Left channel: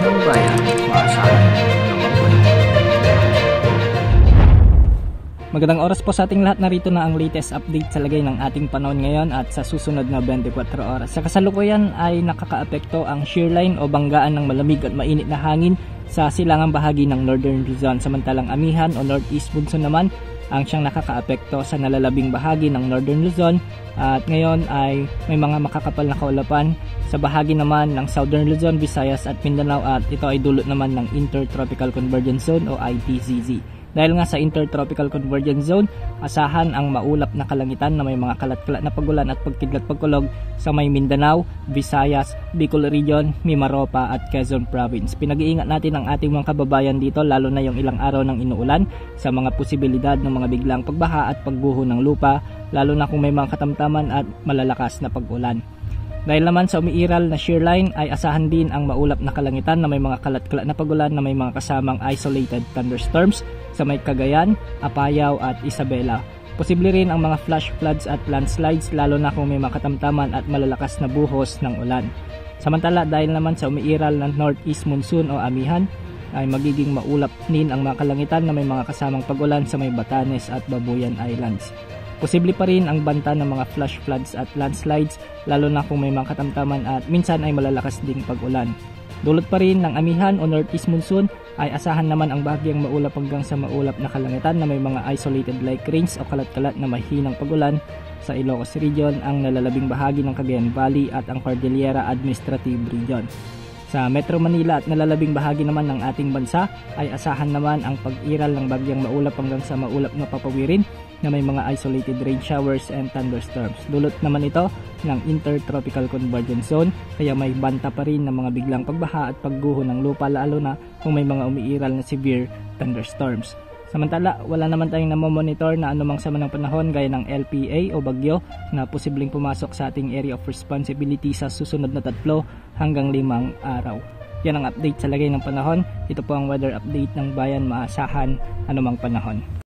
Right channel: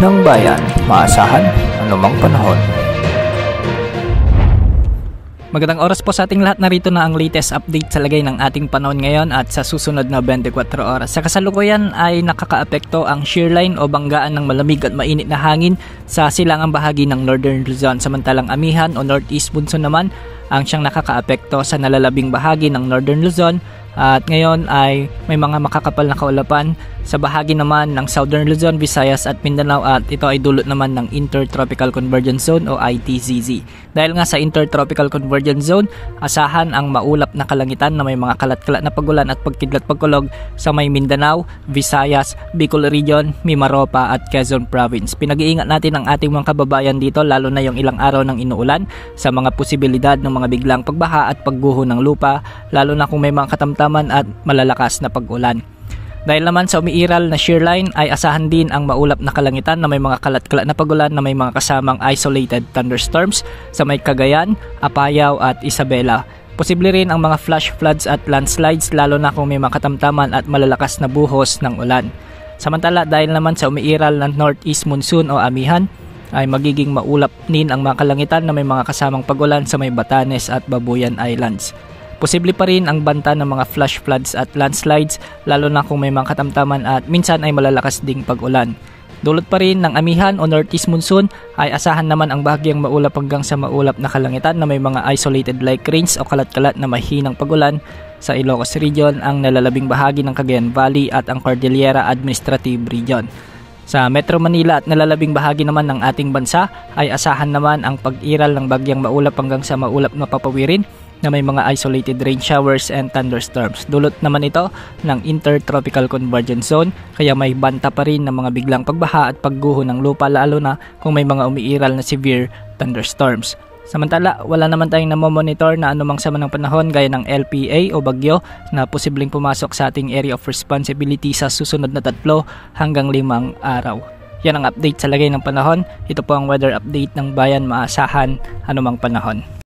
ng bayan, maasahan anumang panahon. Magandang oras po sa ating lahat. Narito na ang latest update sa lagay ng ating panahon ngayon at sa susunod na 24 oras. Sa kasalukuyan ay nakakaapekto ang shearline o banggaan ng malamig at mainit na hangin sa silangang bahagi ng Northern Luzon. Samantalang amihan o northeast monsoon naman ang siyang nakakaapekto sa nalalabing bahagi ng Northern Luzon. At ngayon ay may mga makakapal na kaulapan sa bahagi naman ng Southern Luzon, Visayas at Mindanao, at ito ay dulot naman ng Intertropical Convergence Zone o ITCZ. Dahil nga sa Intertropical Convergence Zone, asahan ang maulap na kalangitan na may mga kalat-kalat na pagulan at pagkidlat-pagkulog sa may Mindanao, Visayas, Bicol Region, Mimaropa at Quezon Province. Pinag-iingat natin ang ating mga kababayan dito, lalo na yung ilang araw ng inuulan, sa mga posibilidad ng mga biglang pagbaha at pagguho ng lupa, lalo na kung may mga katamtaman at malalakas na pag-ulan. Dahil naman sa umiiral na shearline ay asahan din ang maulap na kalangitan na may mga kalat-kalat na pagulan na may mga kasamang isolated thunderstorms sa may Cagayan, Apayao at Isabela. Posible rin ang mga flash floods at landslides, lalo na kung may mga katamtaman at malalakas na buhos ng ulan. Samantala, dahil naman sa umiiral na northeast monsoon o amihan, ay magiging maulap din ang mga kalangitan na may mga kasamang pagulan sa may Batanes at Babuyan Islands. Posible pa rin ang banta ng mga flash floods at landslides, lalo na kung may mga katamtaman at minsan ay malalakas ding pag-ulan. Dulot pa rin ng amihan o northeast monsoon ay asahan naman ang bahagyang maulap hanggang sa maulap na kalangitan na may mga isolated like rains o kalat-kalat na mahinang pag-ulan sa Ilocos Region, ang nalalabing bahagi ng Cagayan Valley at ang Cordillera Administrative Region. Sa Metro Manila at nalalabing bahagi naman ng ating bansa ay asahan naman ang pag-iral ng bagyang maulap hanggang sa maulap na papawirin na may mga isolated rain showers and thunderstorms. Dulot naman ito ng Intertropical Convergence Zone, kaya may banta pa rin ng mga biglang pagbaha at pagguho ng lupa, lalo na kung may mga umiiral na severe thunderstorms. Samantala, wala naman tayong namomonitor na anumang sama ng panahon gaya ng LPA o bagyo na posibleng pumasok sa ating area of responsibility sa susunod na 3 hanggang 5 araw. Yan ang update sa lagay ng panahon. Ito po ang weather update ng bayan, maasahan anumang panahon.